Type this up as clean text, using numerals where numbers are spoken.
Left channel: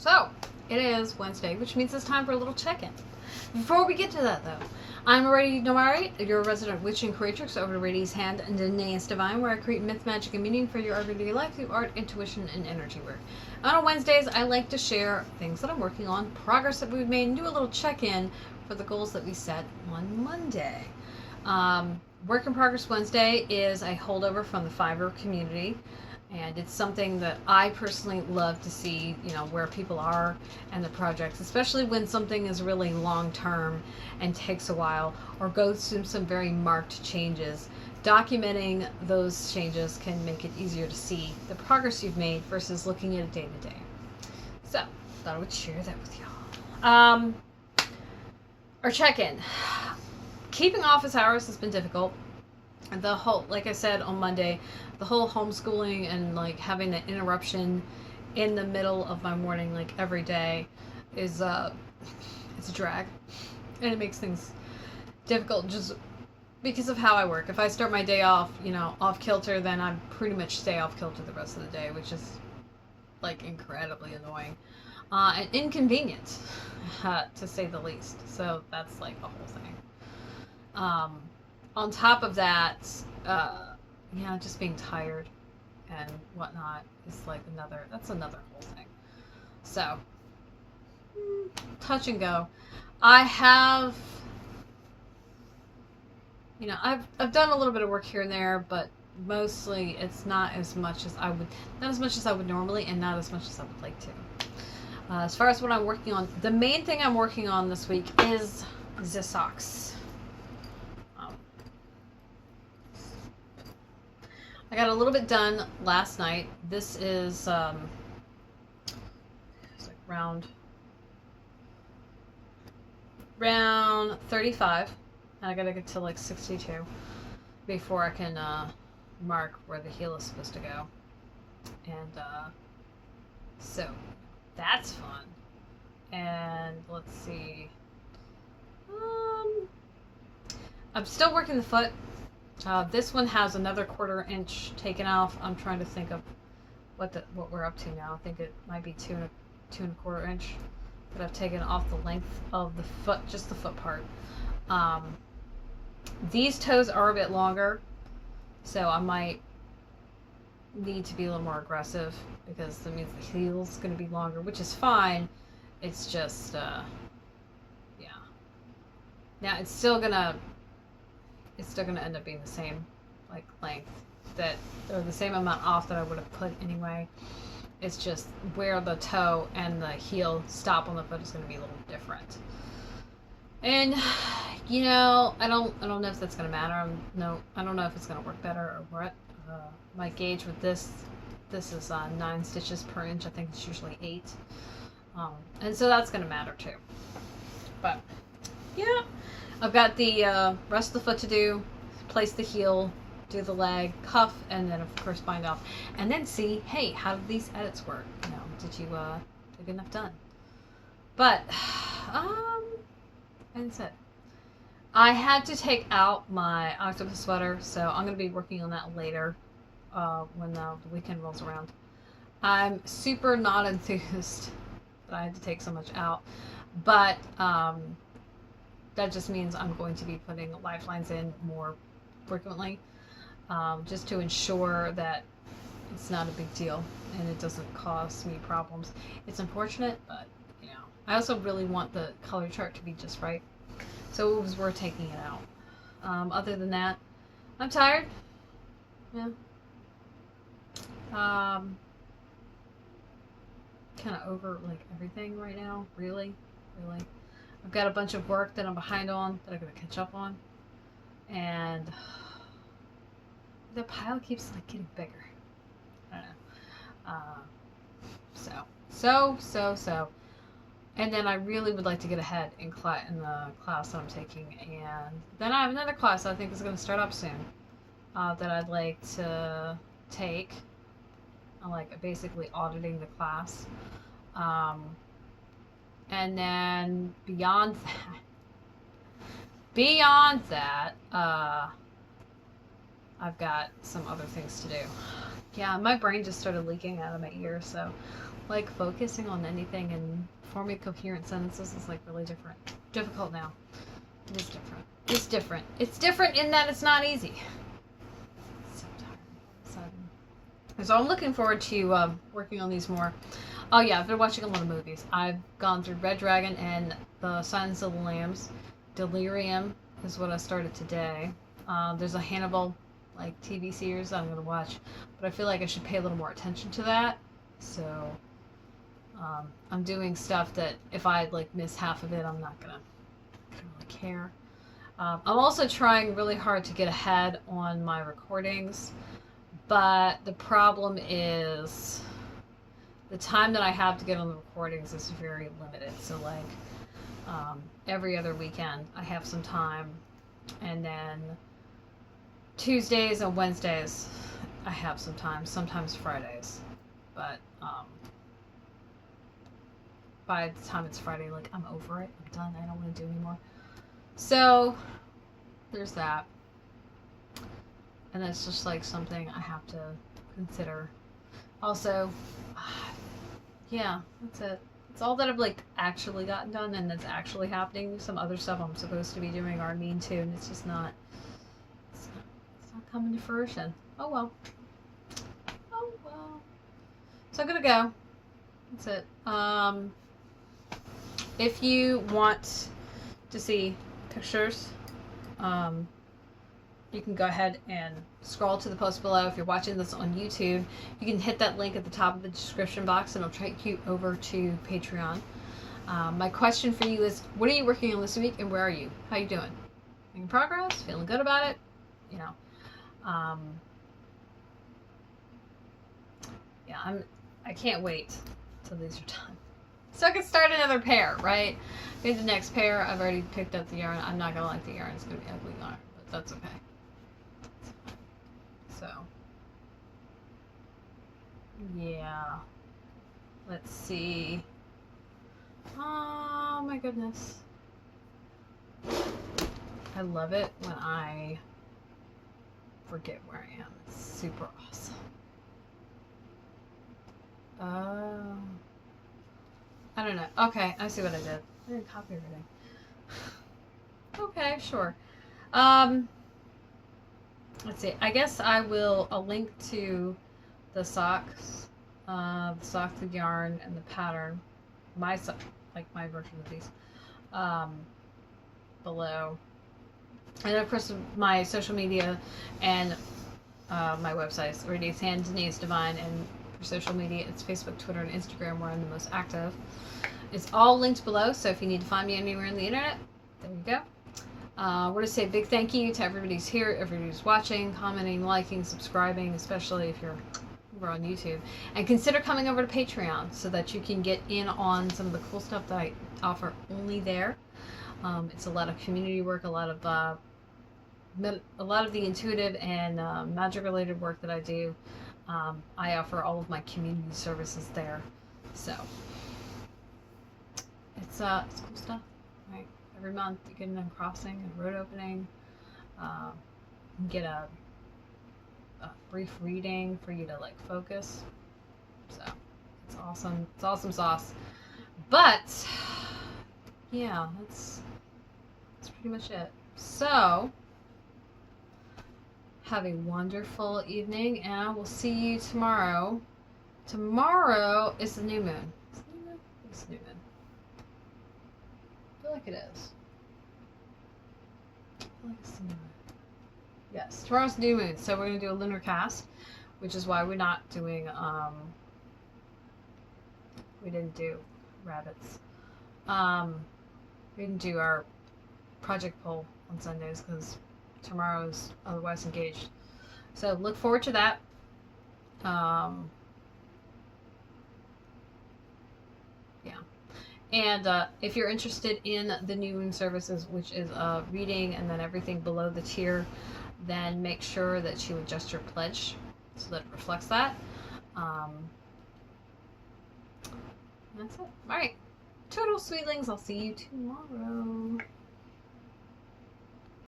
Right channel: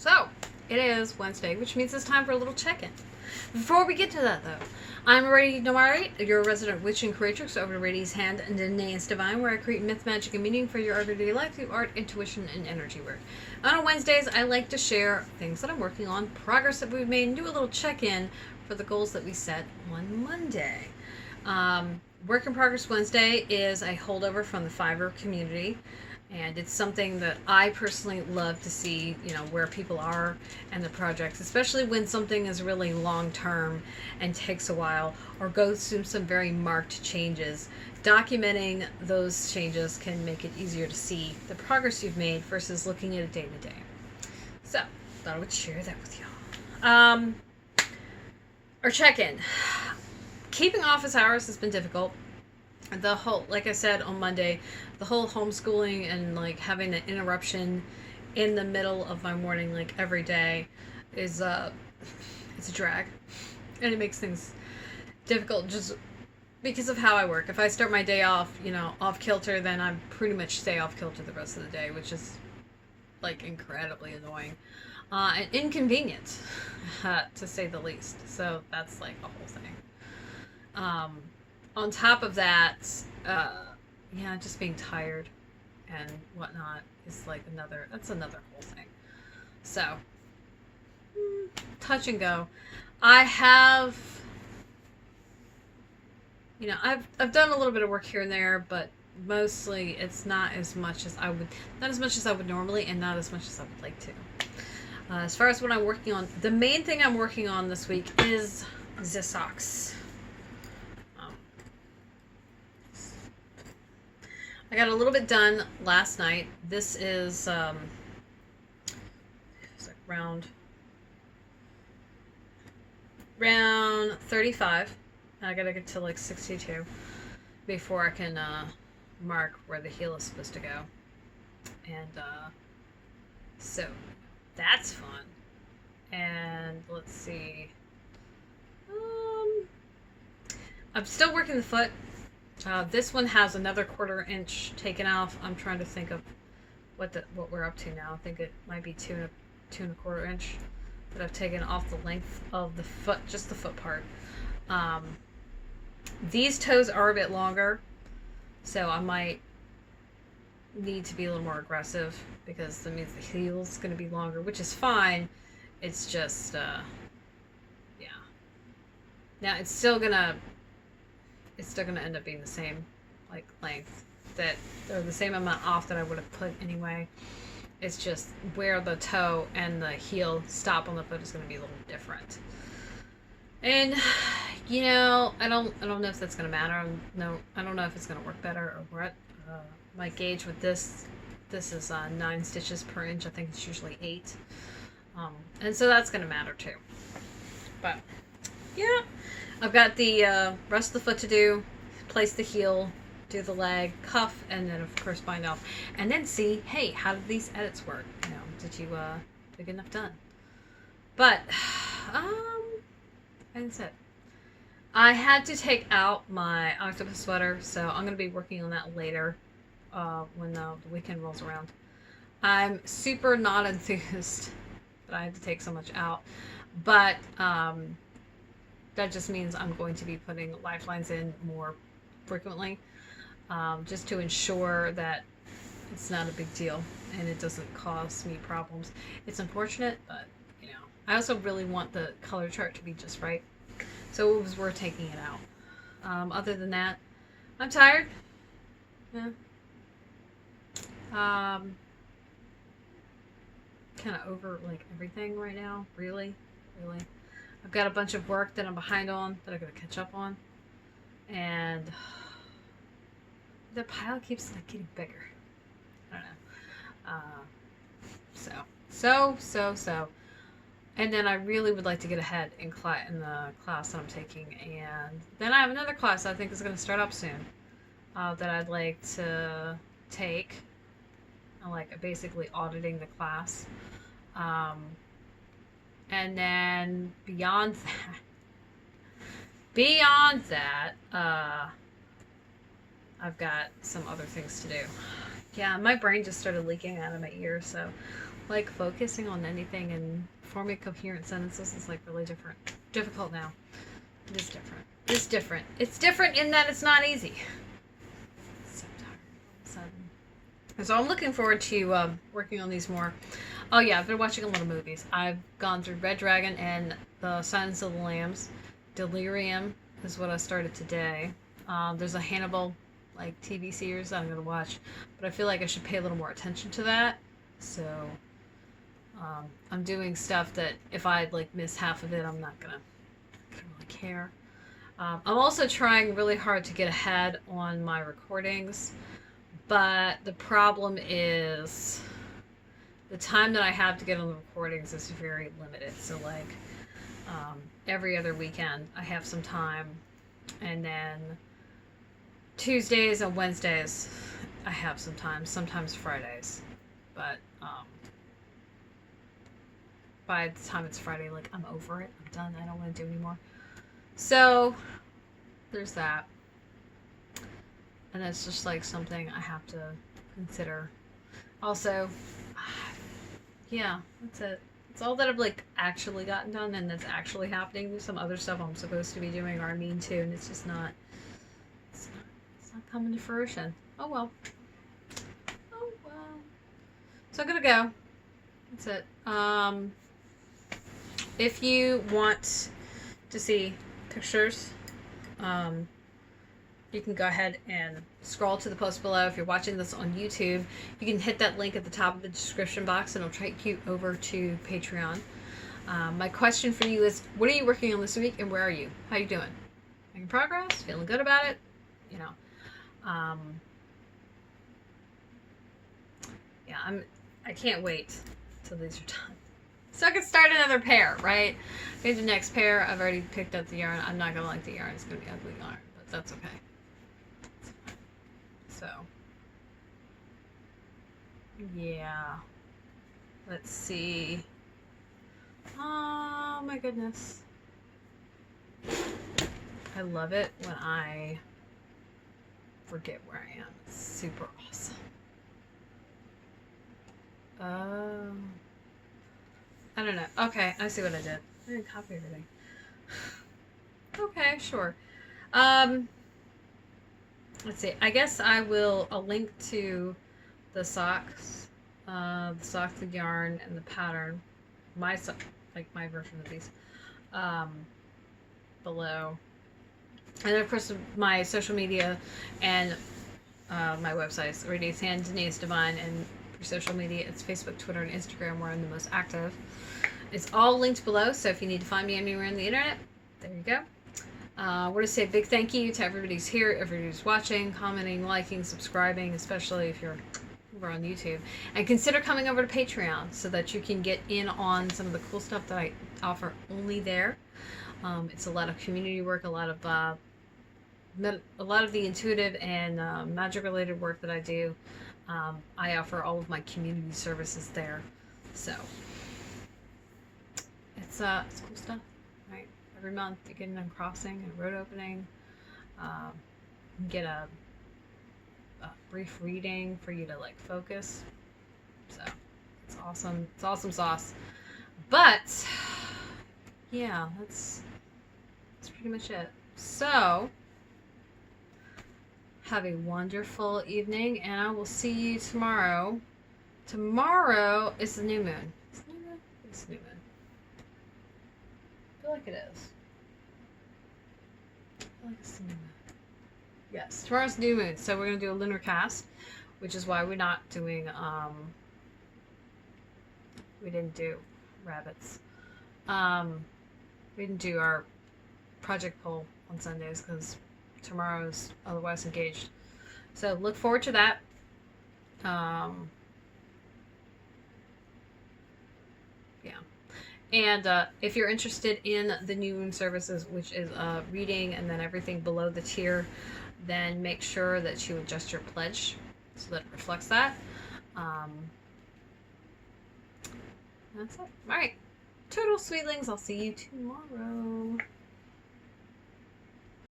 So, it is Wednesday, which means it's time for a little check-in. Before we get to that, though, I'm Aradia Nomari, your resident witch and creatrix over to Radia's Hand and Danae's Divine, where I create myth, magic, and meaning for your everyday life through art, intuition, and energy work. On Wednesdays, I like to share things that I'm working on, progress that we've made, and do a little check-in for the goals that we set on Monday. Work in Progress Wednesday is a holdover from the Fiverr community. And it's something that I personally love to see, where people are and the projects, especially when something is really long-term and takes a while or goes through some very marked changes. Documenting those changes can make it easier to see the progress you've made versus looking at it day to day. So, thought I would share that with y'all. Our check-in. Keeping office hours has been difficult. The whole, like I said on Monday, the whole homeschooling and having an interruption in the middle of my morning every day is it's a drag, and it makes things difficult just because of how I work. If I start my day off off kilter, then I pretty much stay off kilter the rest of the day, which is incredibly annoying and inconvenient to say the least. So that's the whole thing. On top of that, just being tired and whatnot is another whole thing. So, touch and go. I have, I've done a little bit of work here and there, but mostly it's not as much as I would normally, and not as much as I would like to. As far as what I'm working on, the main thing I'm working on this week is the socks. I got a little bit done last night. This is it's round 35. I gotta get to 62 before I can mark where the heel is supposed to go. And so that's fun. And let's see. I'm still working the foot. This one has another 1/4 inch taken off. I'm trying to think of what we're up to now. I think it might be 2 1/4 inch that I've taken off the length of the foot, just the foot part. These toes are a bit longer, so I might need to be a little more aggressive because that means the heel's going to be longer, which is fine. It's just, yeah. Now it's still gonna end up being the same length, or the same amount off that I would have put anyway. It's just where the toe and the heel stop on the foot is going to be a little different. And I don't know if that's going to matter. I don't know if it's going to work better or what. My gauge with this is 9 stitches per inch. I think it's usually 8, and so that's going to matter too. But yeah, I've got the rest of the foot to do, place the heel, do the leg, cuff, and then of course bind off. And then see, hey, how did these edits work? Did you get enough done? But, and that's it. I had to take out my octopus sweater, so I'm going to be working on that later when the weekend rolls around. I'm super not enthused that I had to take so much out, but that just means I'm going to be putting lifelines in more frequently, just to ensure that it's not a big deal and it doesn't cause me problems. It's unfortunate, but I also really want the color chart to be just right, so it was worth taking it out. Other than that, I'm tired. Yeah. Kind of over everything right now. Really. I've got a bunch of work that I'm behind on that I'm going to catch up on. And the pile keeps getting bigger. I don't know. So. And then I really would like to get ahead in the class that I'm taking. And then I have another class I think is going to start up soon that I'd like to take. I'm basically auditing the class. And then beyond that, I've got some other things to do. Yeah, my brain just started leaking out of my ear, so like focusing on anything and forming coherent sentences is like really difficult now. It is different. It's different. It's different in that it's not easy. So tired all of a sudden. So I'm looking forward to working on these more. Oh yeah, I've been watching a lot of movies. I've gone through Red Dragon and The Silence of the Lambs. Delirium is what I started today. There's a Hannibal like TV series I'm gonna watch, but I feel like I should pay a little more attention to that. So I'm doing stuff that if I like miss half of it, I'm not gonna really care. I'm also trying really hard to get ahead on my recordings, but the problem is the time that I have to get on the recordings is very limited. So like every other weekend I have some time, and then Tuesdays and Wednesdays I have some time, sometimes Fridays, but by the time it's Friday, like I'm over it, I'm done, I don't want to do anymore. So there's that, and it's just like something I have to consider. Also, yeah, that's it. It's all that I've like actually gotten done and that's actually happening. Some other stuff I'm supposed to be doing or I mean to, and it's just not. It's not coming to fruition. Oh well. Oh well. So I'm gonna go. That's it. If you want to see pictures, you can go ahead and scroll to the post below. If you're watching this on YouTube, you can hit that link at the top of the description box and it'll take you over to Patreon. My question for you is, what are you working on this week and where are you? How you doing? Making progress? Feeling good about it? You know. Yeah, I can't wait till these are done. So I can start another pair, right? Maybe the next pair, I've already picked up the yarn. I'm not gonna like the yarn, it's gonna be ugly yarn, but that's okay. So, yeah. Let's see. Oh my goodness. I love it when I forget where I am. It's super awesome. I don't know. Okay, I see what I did. I didn't copy everything. Okay, sure. Let's see. I guess I'll link to the socks, the yarn, and the pattern. My version of these, below. And of course, my social media and my websites, Aradia's Hand, Danae's Divine, and for social media, it's Facebook, Twitter, and Instagram where I'm the most active. It's all linked below, so if you need to find me anywhere on the internet, there you go. I want to say a big thank you to everybody's here, everybody's watching, commenting, liking, subscribing, especially if you're over on YouTube. And consider coming over to Patreon so that you can get in on some of the cool stuff that I offer only there. It's a lot of community work, a lot of the intuitive and magic-related work that I do. I offer all of my community services there, so it's cool stuff, right? Every month you get an uncrossing, a road opening, you get a brief reading for you to like focus. So it's awesome. It's awesome sauce. But yeah, that's pretty much it. So have a wonderful evening, and I will see you tomorrow. Tomorrow is the new moon. Is it new moon? It's the new moon. I feel like it is. I feel like it's the new moon. Yes, tomorrow's new moon, so we're gonna do a lunar cast, which is why we're not doing we didn't do rabbits. We didn't do our project poll on Sundays because tomorrow's otherwise engaged. So look forward to that. Yeah. And if you're interested in the new moon services, which is reading and then everything below the tier, then make sure that you adjust your pledge so that it reflects that. That's it. All right. Total sweetlings. I'll see you tomorrow.